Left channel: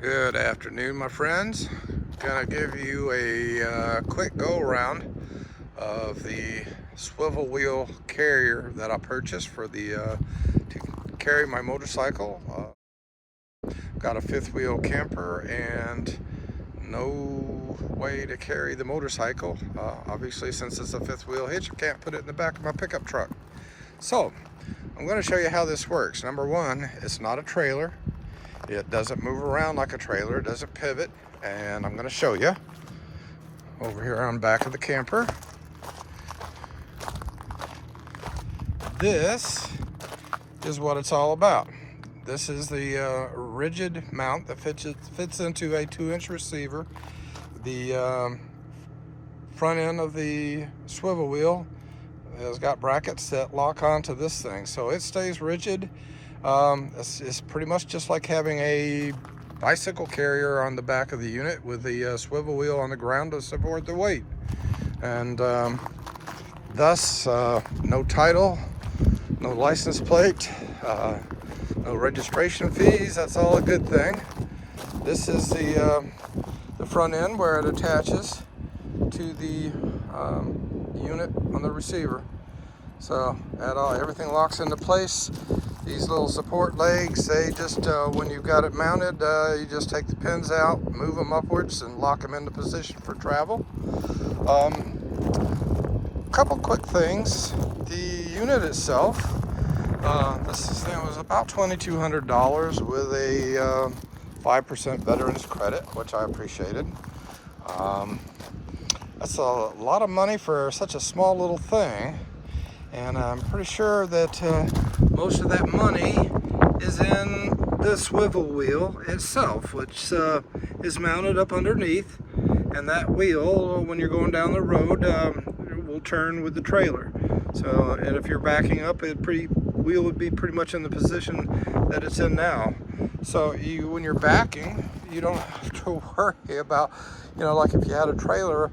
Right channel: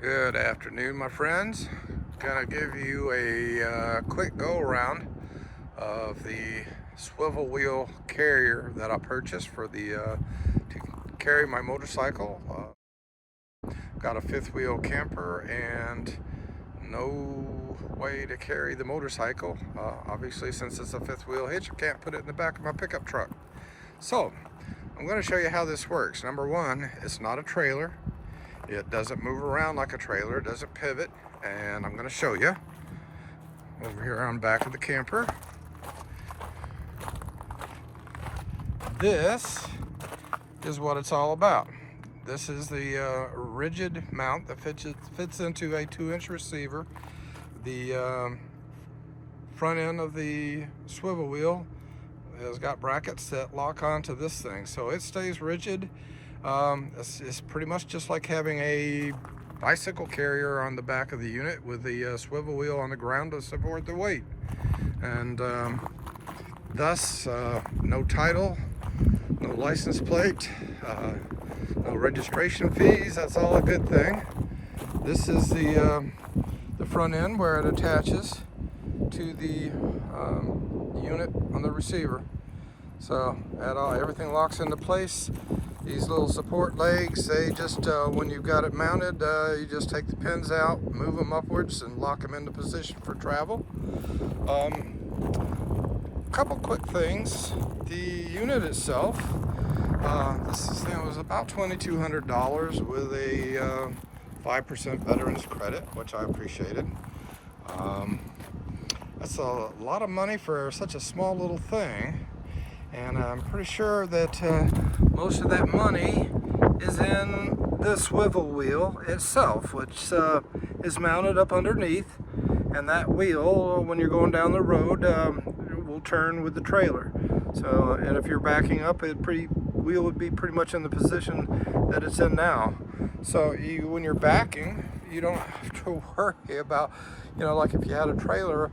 Good afternoon, my friends. Gonna give you a quick go around of the swivel wheel carrier that I purchased for the to carry my motorcycle. Got a fifth wheel camper and no way to carry the motorcycle. Obviously, since it's a fifth wheel hitch, I can't put it in the back of my pickup truck. So I'm going to show you how this works. Number one, it's not a trailer. It doesn't move around like a trailer. It doesn't pivot. And I'm going to show you over here on the back of the camper. This is what it's all about. This is the rigid mount that fits into a 2-inch receiver. The front end of the swivel wheel has got brackets that lock onto this thing, so it stays rigid. It's pretty much just like having a bicycle carrier on the back of the unit with the swivel wheel on the ground to support the weight. And thus, no title, no license plate, no registration fees. That's all a good thing. This is the front end where it attaches to the unit on the receiver. So everything locks into place. These little support legs, they just, when you've got it mounted, you just take the pins out, move them upwards, and lock them into position for travel. Couple quick things. The unit itself, this thing was about $2,200 with a 5% veterans credit, which I appreciated. That's a lot of money for such a small little thing. And I'm pretty sure that most of that money is in the swivel wheel itself, which is mounted up underneath. And that wheel, when you're going down the road, will turn with the trailer. So, and if you're backing up, wheel would be pretty much in the position that it's in now. So when you're backing, you don't have to worry about, like if you had a trailer,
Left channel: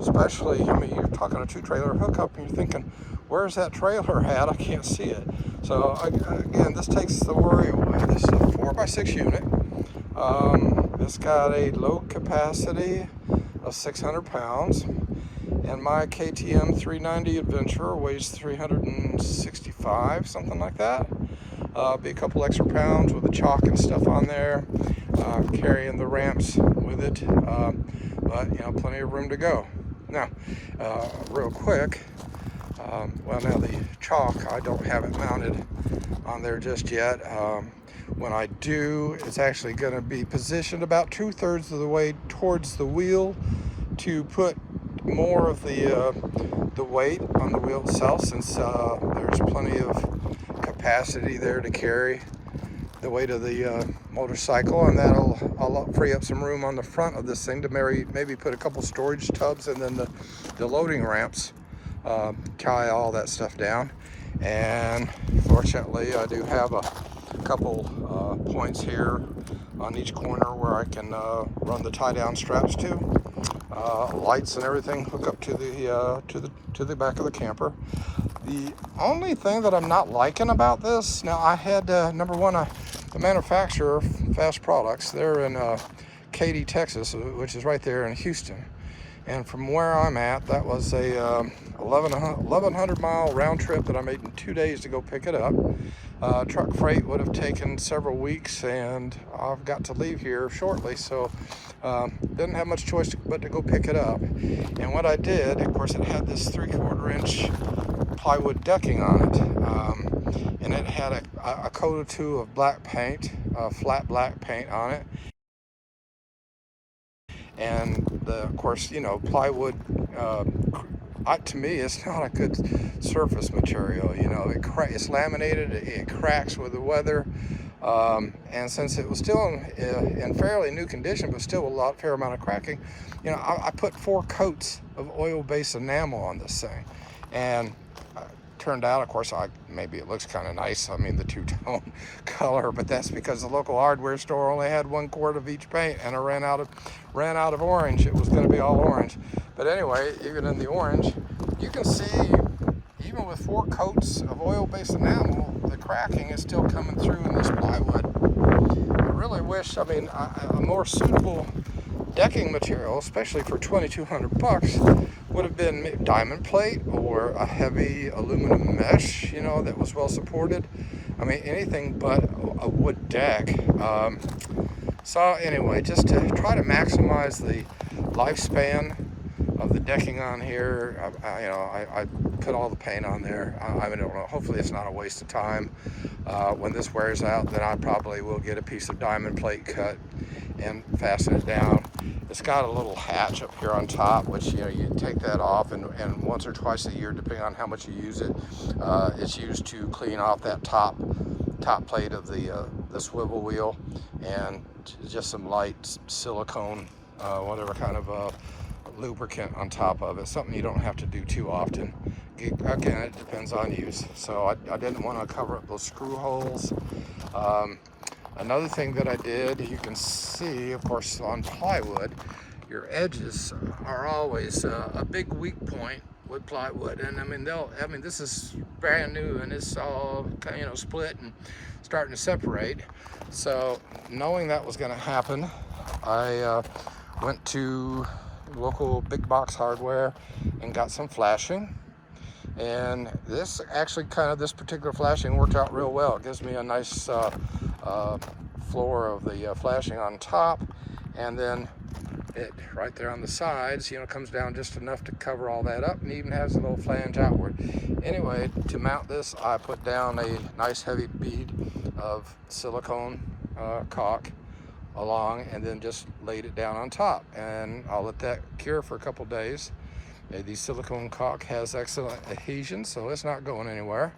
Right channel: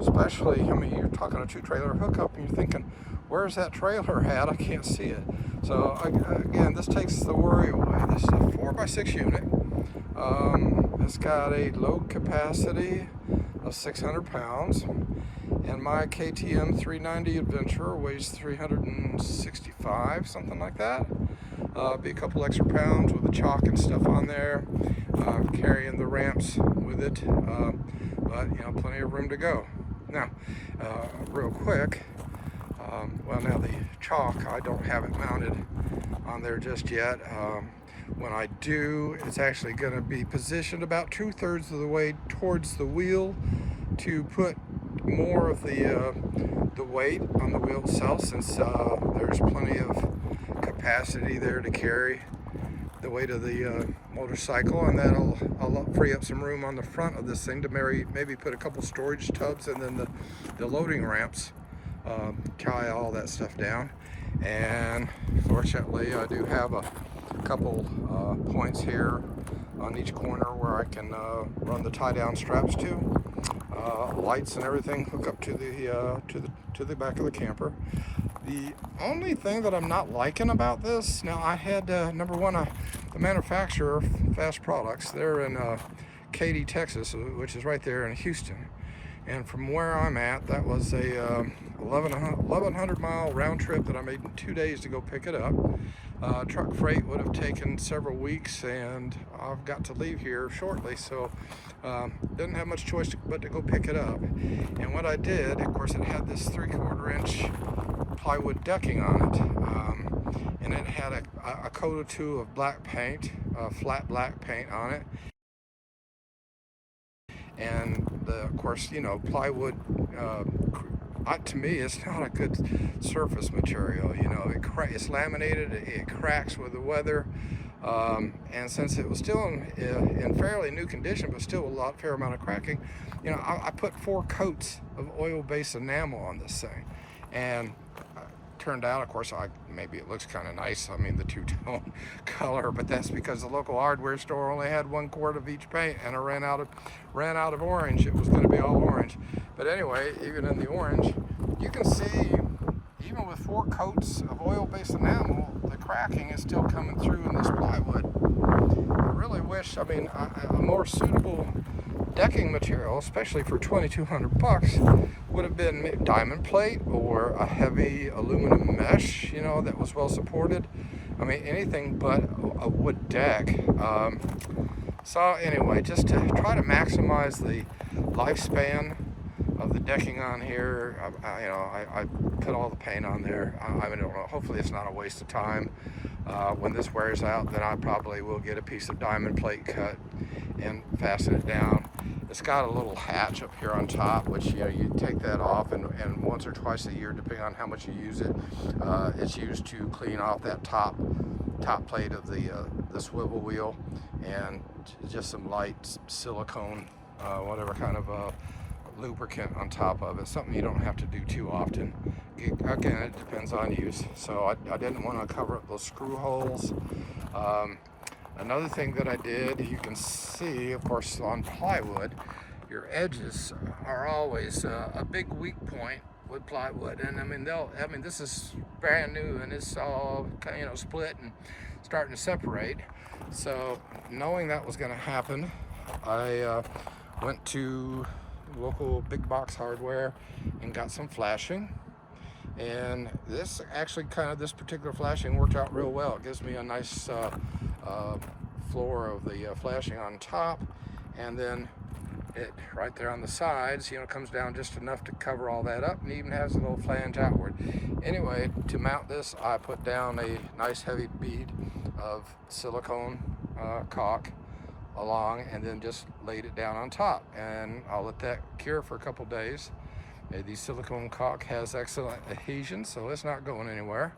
especially, I mean, you're talking a 2-trailer hookup and you're thinking, where's that trailer at? I can't see it. So again, this takes the worry away. This is a 4x6 unit. It's got a load capacity of 600 pounds. And my KTM 390 Adventure weighs 365, something like that. Be a couple extra pounds with the chalk and stuff on there, carrying the ramps with it. But plenty of room to go. Now, real quick, well, now the chalk, I don't have it mounted on there just yet. When I do, it's actually going to be positioned about 2/3 of the way towards the wheel to put more of the weight on the wheel itself, since there's plenty of capacity there to carry the weight of the motorcycle, and I'll free up some room on the front of this thing to maybe put a couple storage tubs and then the loading ramps, tie all that stuff down. And fortunately, I do have a couple points here on each corner where I can run the tie-down straps to. Lights and everything hook up to the back of the camper. The only thing that I'm not liking about this, now I had number one, the manufacturer, Fast Products, they're in Katy, Texas, which is right there in Houston. And from where I'm at, that was a 1,100 mile round trip that I made in 2 days to go pick it up. Truck freight would have taken several weeks, and I've got to leave here shortly, so didn't have much choice but to go pick it up. And what I did, of course, it had this 3/4 inch plywood decking on it, and it had a coat or two of black paint, flat black paint on it. And of course, plywood, to me, it's not a good surface material. It's laminated, it cracks with the weather, and since it was still in fairly new condition, but still a fair amount of cracking, I put 4 coats of oil-based enamel on this thing, and turned out, of course, maybe it looks kind of nice. I mean, the 2-tone color, but that's because the local hardware store only had 1 quart of each paint, and I ran out of orange. It was going to be all orange, but anyway, even in the orange, you can see, even with 4 coats of oil-based enamel, the cracking is still coming through in this plywood. It really wish, I mean, a more suitable decking material, especially for 2,200 bucks, would have been diamond plate or a heavy aluminum mesh, you know, that was well supported. I mean, anything but a wood deck. So anyway, just to try to maximize the lifespan of the decking on here, I put all the paint on there. I don't know, hopefully it's not a waste of time. When this wears out, then I probably will get a piece of diamond plate cut and fasten it down. It's got a little hatch up here on top, which, you know, you take that off, and once or twice a year, depending on how much you use it, it's used to clean off that top plate of the swivel wheel, and just some light silicone, whatever kind of lubricant on top of it. Something you don't have to do too often. Again, it depends on use. So I didn't want to cover up those screw holes. Another thing that I did, you can see, of course, on plywood, your edges are always a big weak point with plywood. And I mean, this is brand new and it's all, you know, split and starting to separate. So knowing that was going to happen, I went to local big box hardware and got some flashing. And this actually this particular flashing worked out real well. It gives me a nice floor of the flashing on top, and then it right there on the sides, you know, comes down just enough to cover all that up, and even has a little flange outward. Anyway, to mount this, I put down a nice heavy bead of silicone caulk along, and then just laid it down on top, and I'll let that cure for a couple days. The silicone caulk has excellent adhesion, so it's not going anywhere.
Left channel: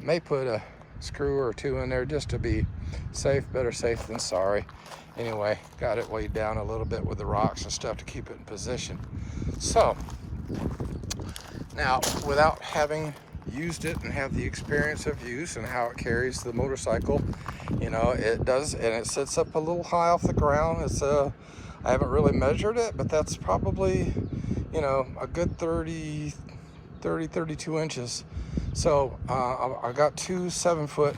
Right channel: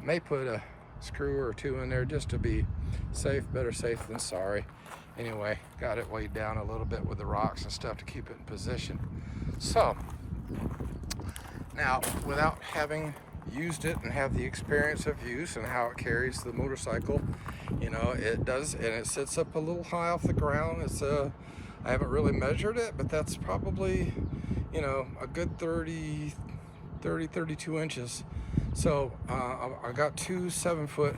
May put a screw or two in there just to be safe. Better safe than sorry. Anyway, got it weighed down a little bit with the rocks and stuff to keep it in position. So now, without having used it and have the experience of use and how it carries the motorcycle, you know, it does, and it sits up a little high off the ground. It's I haven't really measured it, but that's probably, you know, a good 32 inches. So I got two 7-foot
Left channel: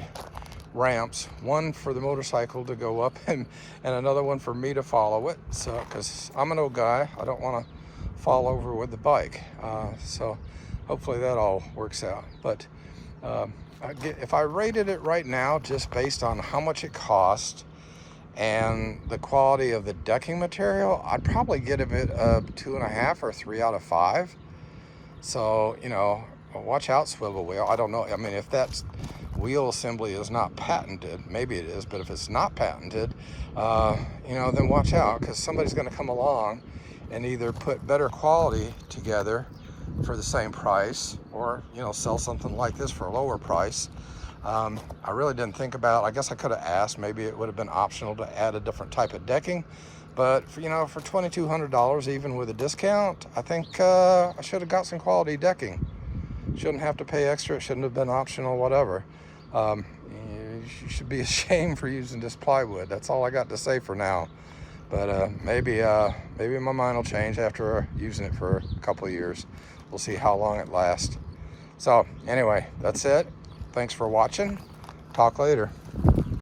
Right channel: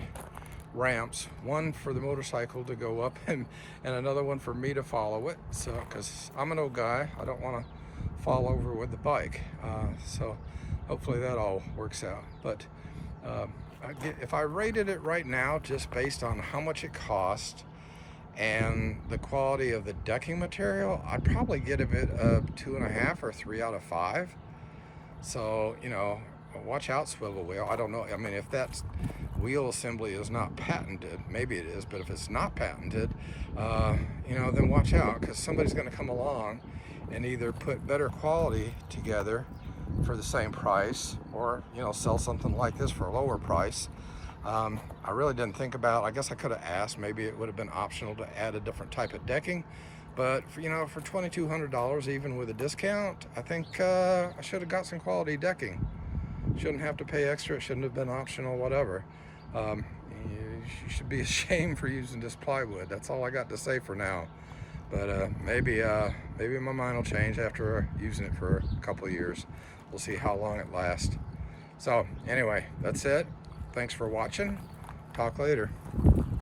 ramps, one for the motorcycle to go up and another one for me to follow it. So, because I'm an old guy, I don't want to fall over with the bike. So hopefully that all works out. But if I rated it right now, just based on how much it cost and the quality of the decking material, I'd probably give it a 2.5 or 3 out of 5. So, you know, watch out, Swivel Wheel. I don't know. I mean, if that wheel assembly is not patented, maybe it is, but if it's not patented, you know, then watch out, because somebody's going to come along and either put better quality together for the same price, or, you know, sell something like this for a lower price. I really didn't think about, I guess I could have asked, maybe it would have been optional to add a different type of decking, but for, you know, for $2,200, even with a discount, I think I should have got some quality decking. Shouldn't have to pay extra. It shouldn't have been optional, whatever. You should be ashamed for using this plywood. That's all I got to say for now. But maybe my mind will change after using it for a couple of years. We'll see how long it lasts. So anyway, that's it. Thanks for watching. Talk later.